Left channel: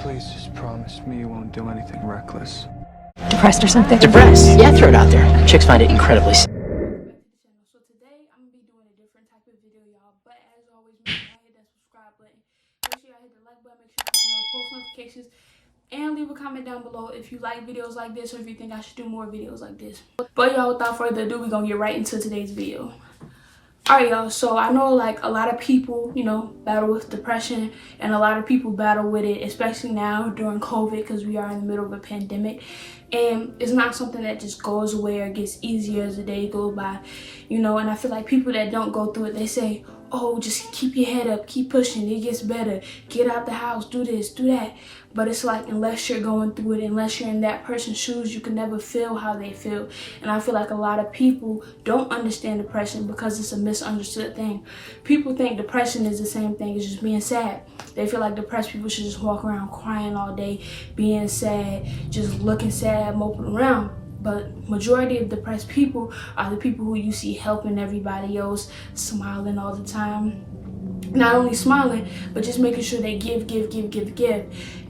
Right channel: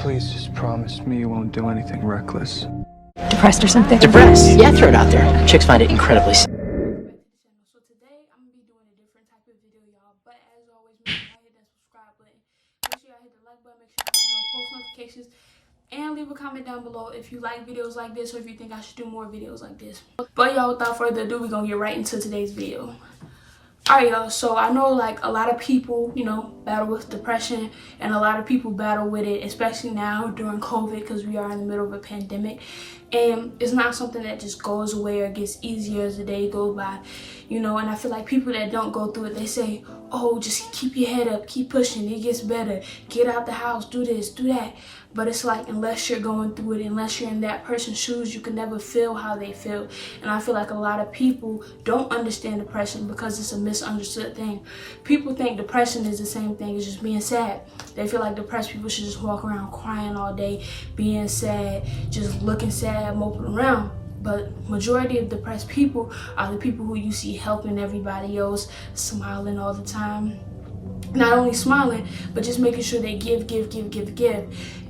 Please just promise me you won't do anything reckless. Depressed or something? Depressed? Yeah, throw it out there. Chicks find it incredibly. So today I'm gonna be doing a different type of video, y'all. But as always, make sure y'all hit that subscribe button. Make sure y'all hit the like button. Make sure you turn on post notifications. And leave a comment down below if you like videos like this or if you think I should do more videos like this. But y'all, without further ado, we're gonna get right into today's video. Alright, y'all, so I know like a lot of people, you know, battle with depression, and a lot of people battle with it, especially now during COVID, because we are in the middle of a pandemic. And it's not something that just goes away or gets easier as the day goes by, you know. And I feel like people that don't go through it, they say, oh, just keep your head up, keep pushing, it gets better, get out the house, do this, do that. But it's like, unless you're going through it, unless you're in that person's shoes, you can never feel how they feel. And I feel like a lot of people don't understand depression because it's a misunderstood thing. People think depression is the same thing as just being sad. They feel like depressed people should just walk around crying all day, being sad, just looking sad, moping around. But majority of depressed people are the people who you see helping everybody else, smiling all the time. Not only smiling, but just making sure they give.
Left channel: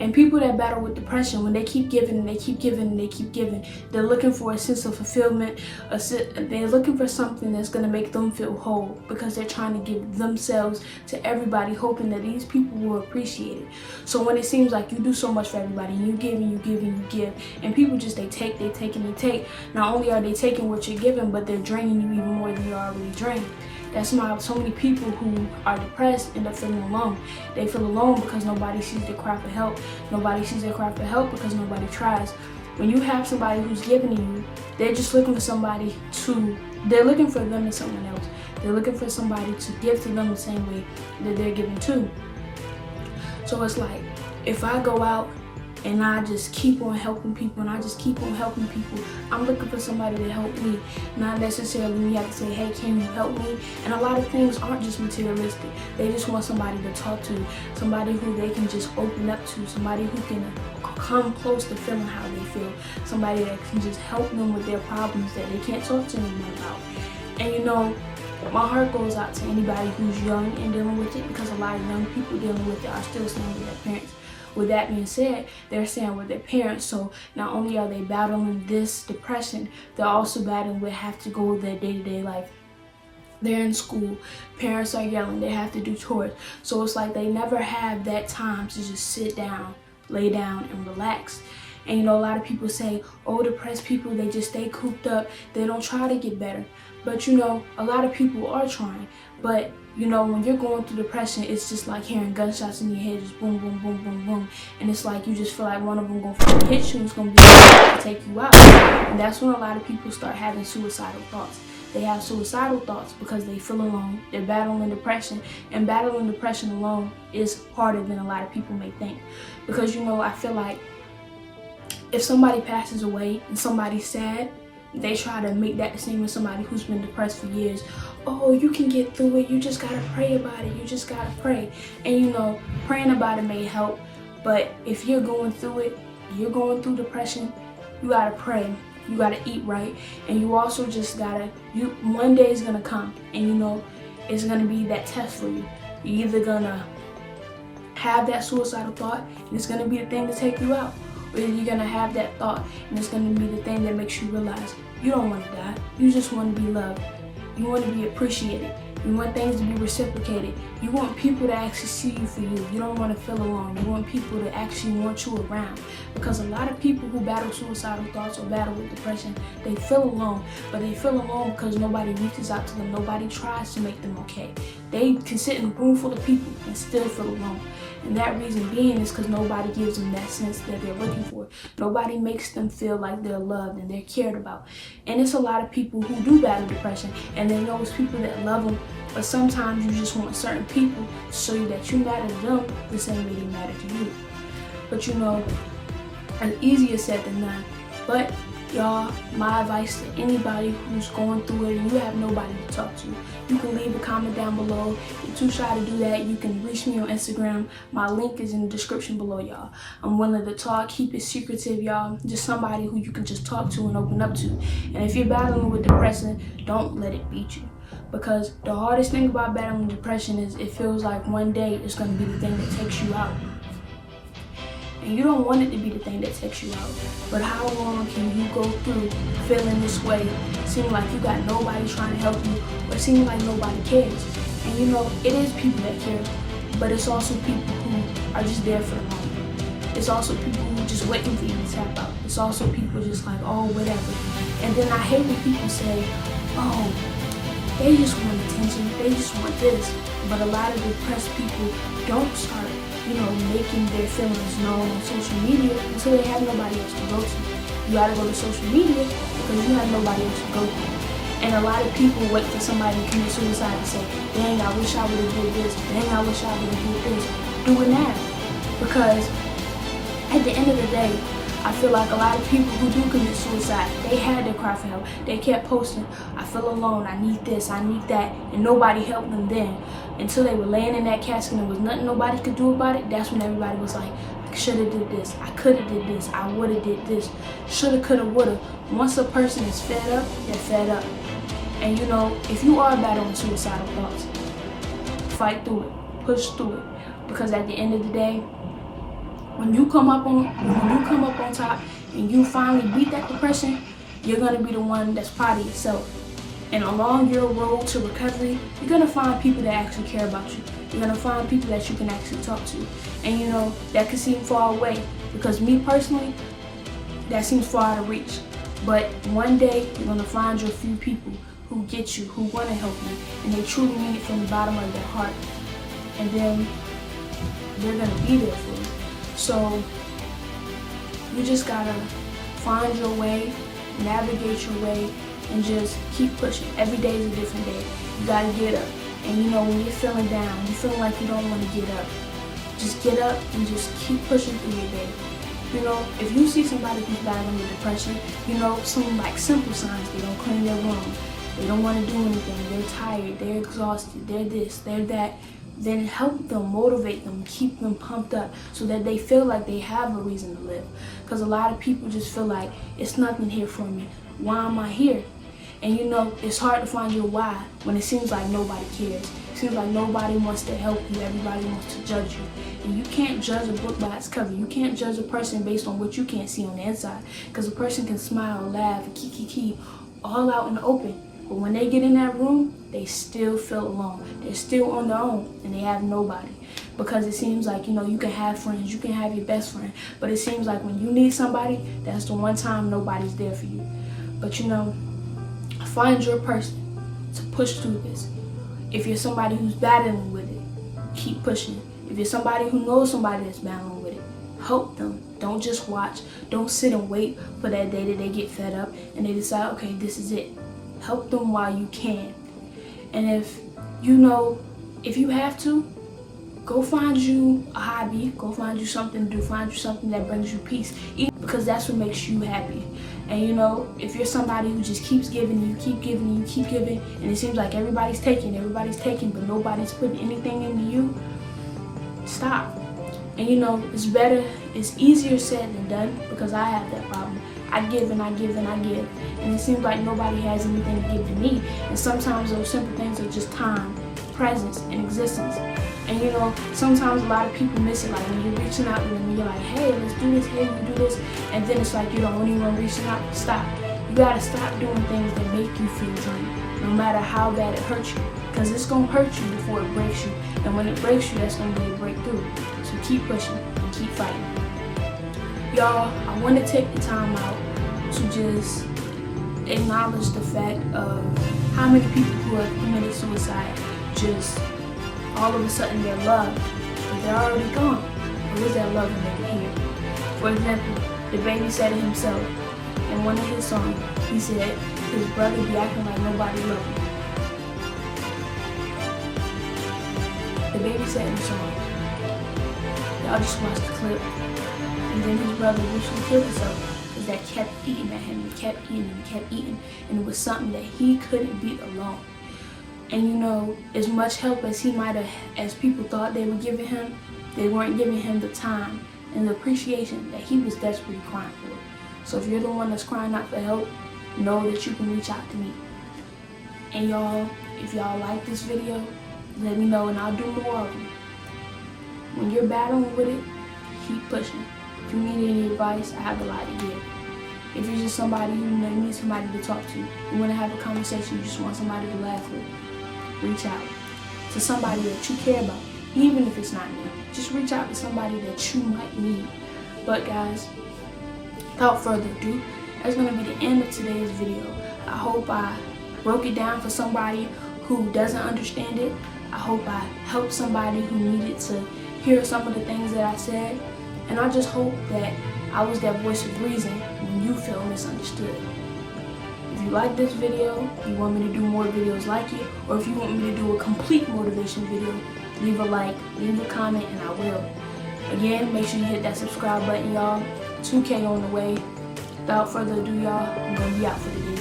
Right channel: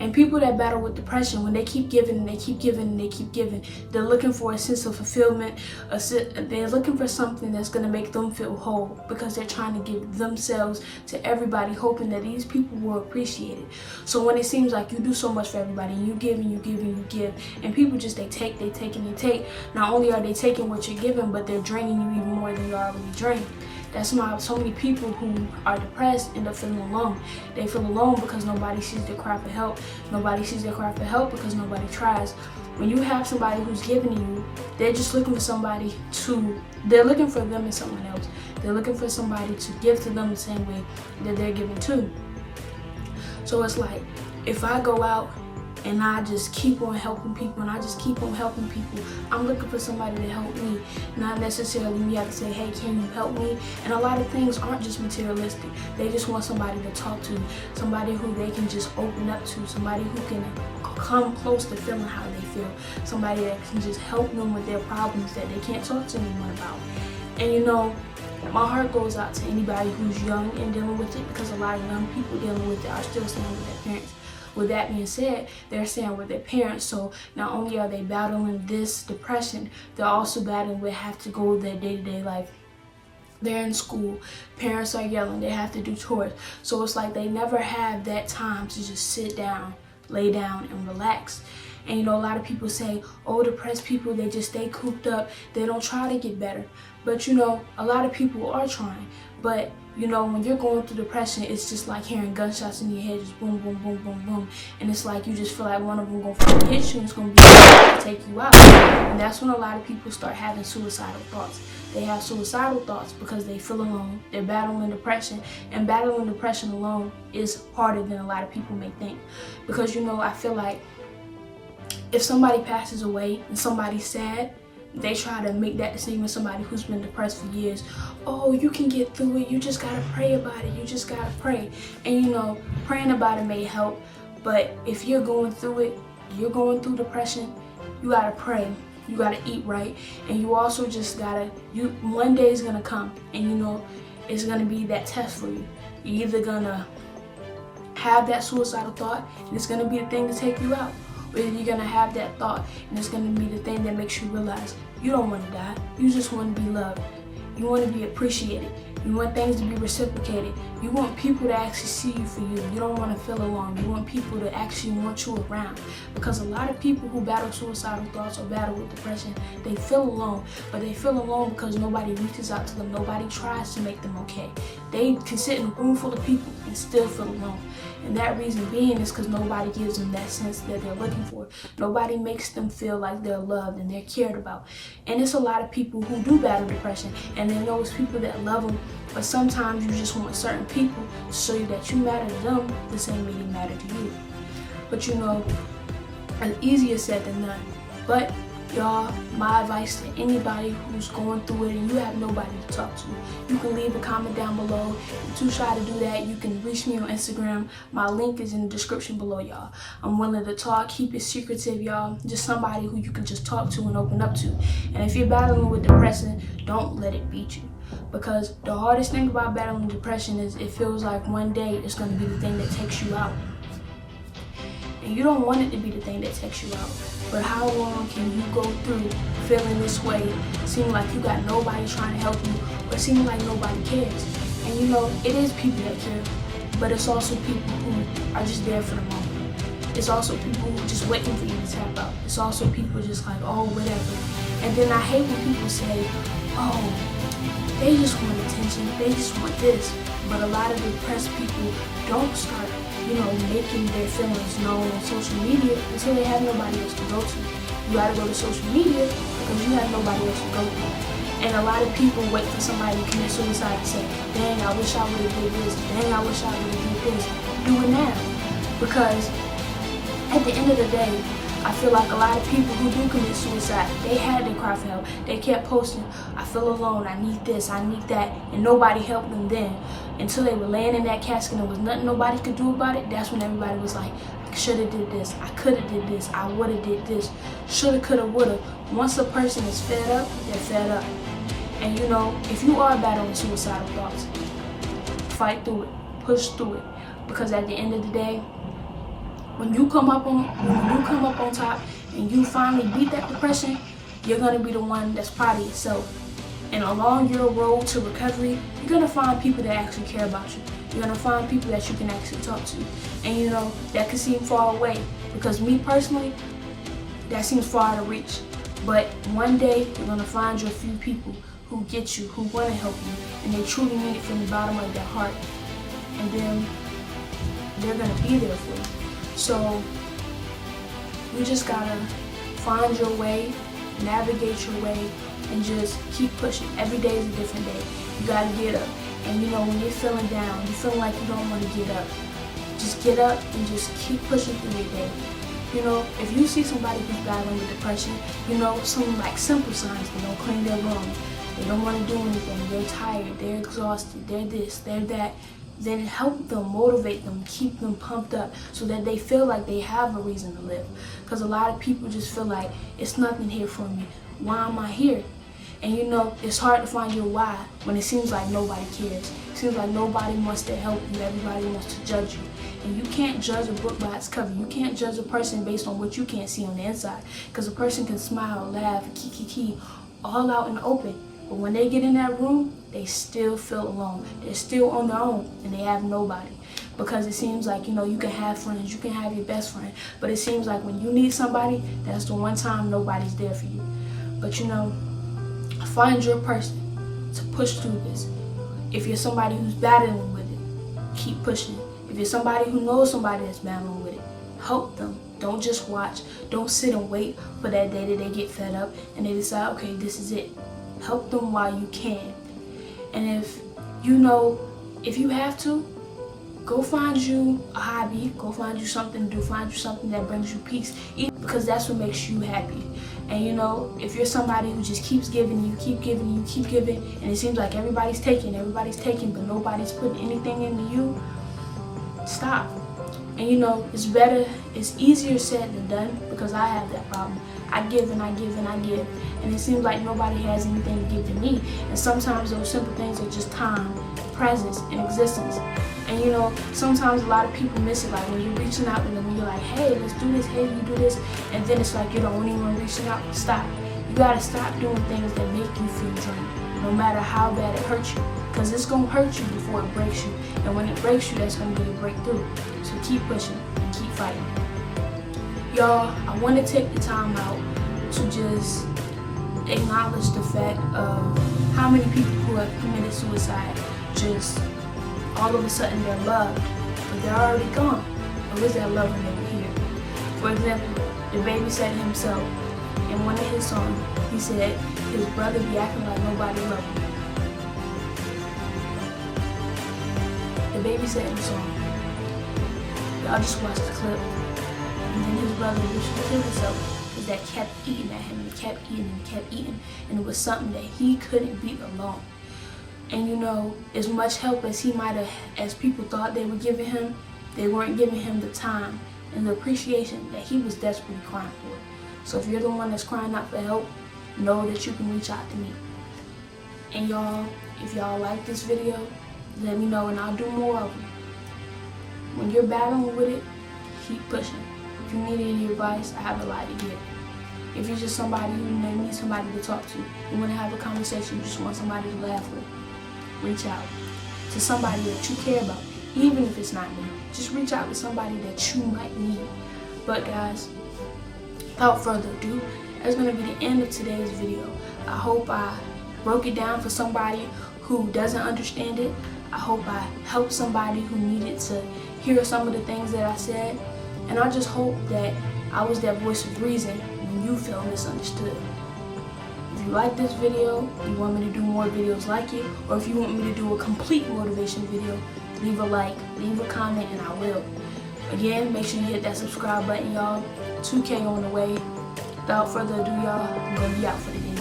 And people that battle with depression, when they keep giving and they keep giving and they keep giving, they're looking for a sense of fulfillment. They're looking for something that's going to make them feel whole, because they're trying to give themselves to everybody, hoping that these people will appreciate it. So when it seems like you do so much for everybody, and you give and you give and you give, and people just, they take and they take. Not only are they taking what you're giving, but they're draining you even more than you already drained. That's why so many people who are depressed end up feeling alone. They feel alone because nobody sees their cry for help. Nobody sees their cry for help because nobody tries. When you have somebody who's giving to you, they're just looking for somebody to, they're looking for them and someone else. They're looking for somebody to give to them the same way that they're giving to. So it's like, if I go out and I just keep on helping people, and I just keep on helping people, I'm looking for somebody to help me. Not necessarily me have to say, hey, can you help me? And a lot of things aren't just materialistic. They just want somebody to talk to, somebody who they can just open up to, somebody who can come close to feeling how they feel, somebody that can just help them with their problems that they can't talk to anyone about. And you know, my heart goes out to anybody who's young and dealing with it, because a lot of young people dealing with it are still staying with their parents. With that being said, they're staying with their parents, so not only are they battling this depression, they're also battling with have to go with their day-to-day life. They're in school, parents are yelling, they have to do chores. So it's like they never have that time to just sit down, lay down, and relax. And you know, a lot of people say, oh, depressed people, they just stay cooped up, they don't try to get better. But you know, a lot of people are trying. But you know, when you're going through depression, it's just like hearing gunshots in your head, just boom, boom, boom, boom, boom. And it's like you just feel like one of them gonna finally hit you and it's gonna be to take you out. And that's when a lot of people start having suicidal thoughts. They have suicidal thoughts because they feel alone, they're battling depression. And battling depression alone is harder than a lot of people may think. Because you know, I feel like if somebody passes away and somebody's sad, they try to make that the same as somebody who's been depressed for years. Oh, you can get through it, you just gotta pray about it, you just gotta pray. And you know, praying about it may help, but if you're going through it, you're going through depression, you gotta pray, you gotta eat right, and you also just gotta, one day is gonna come, and you know, it's gonna be that test for you. You're either gonna have that suicidal thought, and it's gonna be the thing to take you out, or you're gonna have that thought and it's gonna be the thing that makes you realize you don't want to die. You just want to be loved. You want to be appreciated. You want things to be reciprocated. You want people to actually see you for you. You don't want to feel alone. You want people to actually want you around. Because a lot of people who battle suicidal thoughts or battle with depression, they feel alone. But they feel alone because nobody reaches out to them. Nobody tries to make them okay. They can sit in a room full of people and still feel alone. And that reason being is because nobody gives them that sense that they're looking for. Nobody makes them feel like they're loved and they're cared about. And it's a lot of people who do battle depression, and they know it's people that love them, but sometimes you just want certain people to show you that you matter to them the same way they matter to you. But you know, it's easier said than done. But y'all, my advice to anybody who's going through it and you have nobody to talk to, you can leave a comment down below. If you're too shy to do that, you can reach me on Instagram. My link is in the description below, y'all. I'm willing to talk, keep it secretive, y'all. Just somebody who you can just talk to and open up to. And if you're battling with depression, don't let it beat you. Because the hardest thing about battling depression is it feels like one day it's going to be the thing that takes you out. And you don't want it to be the thing that takes you out. But how long can you go through feeling this way, seeming like you got nobody trying to help you, or seeming like nobody cares? And you know, it is people that care, but it's also people who are just there for the moment. It's also people who are just waiting for you to tap out. It's also people just like, oh, whatever. And then I hate when people say, oh, they just want attention, they just want this. But a lot of depressed people don't start, you know, making their feelings known on social media until they have nobody else to go to. You gotta go to social media because you have nobody else to go to. And a lot of people wait for somebody to commit suicide and say, dang, I wish I would have did this, dang, I wish I would have did this. Do it now. Because at the end of the day, I feel like a lot of people who do commit suicide, they had their cry for help. They kept posting, I feel alone, I need this, I need that, and nobody helped them then. Until they were laying in that casket and there was nothing nobody could do about it, that's when everybody was like, I shoulda did this, I coulda did this, I woulda did this, shoulda, coulda, woulda. Once a person is fed up, they're fed up. And you know, if you are battling suicidal thoughts, fight through it, push through it, because at the end of the day, when you come up on top and you finally beat that depression, you're gonna be the one that's proud of yourself. And along your road to recovery, you're gonna find people that actually care about you. You're gonna find people that you can actually talk to. And you know, that can seem far away, because me personally, that seems far out of reach. But one day, you're gonna find your few people who get you, who wanna help you, and they truly mean it from the bottom of their heart. And then they're gonna be there for you. So you just gotta find your way, navigate your way, and just keep pushing. Every day is a different day. You gotta get up. And you know, when you're feeling down, you're feeling like you don't want to get up, just get up and just keep pushing through your day. You know, if you see somebody who's battling with depression, you know, some like simple signs: they don't clean their room, they don't want to do anything, they're tired, they're exhausted, they're this, they're that, then help them, motivate them, keep them pumped up so that they feel like they have a reason to live. Because a lot of people just feel like, it's nothing here for me, why am I here? And you know, it's hard to find your why when it seems like nobody cares. It seems like nobody wants to help you, everybody wants to judge you. And you can't judge a book by its cover. You can't judge a person based on what you can't see on the inside. Because a person can smile, laugh, kiki, all out in the open. But when they get in that room, they still feel alone. They're still on their own and they have nobody. Because it seems like, you know, you can have friends, you can have your best friend, but it seems like when you need somebody, that's the one time nobody's there for you. But you know, find your person to push through this. If you're somebody who's battling with it, keep pushing. If you're somebody who knows somebody that's battling with it, help them. Don't just watch. Don't sit and wait for that day that they get fed up and they decide, okay, this is it. Help them while you can. And if you know, if you have to, go find you a hobby, go find you something to do, find you something that brings you peace, because that's what makes you happy. And you know, if you're somebody who just keeps giving, you keep giving, you keep giving, and it seems like everybody's taking, but nobody's putting anything into you, stop. And you know, it's easier said than done, because I have that problem. I give and I give and I give, and it seems like nobody has anything to give to me. And sometimes those simple things are just time, presence, and existence. And you know, sometimes a lot of people miss it, like when you're reaching out to them and you're like, hey, let's do this, hey, you do this, and then it's like you're the only one reaching out. Stop. You gotta stop doing things that make you feel drained, no matter how bad it hurts you, because it's gonna hurt you before it breaks you, and when it breaks you, that's gonna be a breakthrough. So keep pushing and keep fighting. Y'all, I want to take the time out to just acknowledge the fact of how many people who have committed suicide just all of a sudden they're loved, but they're already gone. Or is that love when they were here? For example, the baby said it himself in one of his songs. He said his brother be acting like nobody loved him. The baby said in the song. Y'all just watch the clip. And then his brother literally killed himself because that kept eating at him. He kept eating and he kept eating. And it was something that he couldn't beat alone. And you know, as much help as he might have, as people thought they were giving him, they weren't giving him the time and the appreciation that he was desperately crying for. So if you're the one that's crying out for help, know that you can reach out to me. And y'all, if y'all like this video, let me know and I'll do more of them. When you're battling with it, keep pushing. If you need any advice, I have a lot to give. If you're just somebody who needs somebody to talk to, you want to have a conversation, you just want somebody to laugh with, reach out to somebody that you care about, even if it's not me. Just reach out to somebody that you might need. But guys, without further ado, that's going to be the end of today's video. I hope I broke it down for somebody who doesn't understand it. I hope I helped somebody who needed to hear some of the things that I said. And I just hope that I was that voice of reason when you felt misunderstood. If you like this video, you want me to do more videos like it, or if you want me to do a complete motivation video, leave a like, leave a comment, and I will. Again, make sure you hit that subscribe button, y'all. 2K on the way. Without further ado, y'all, I'm gonna be out for the day.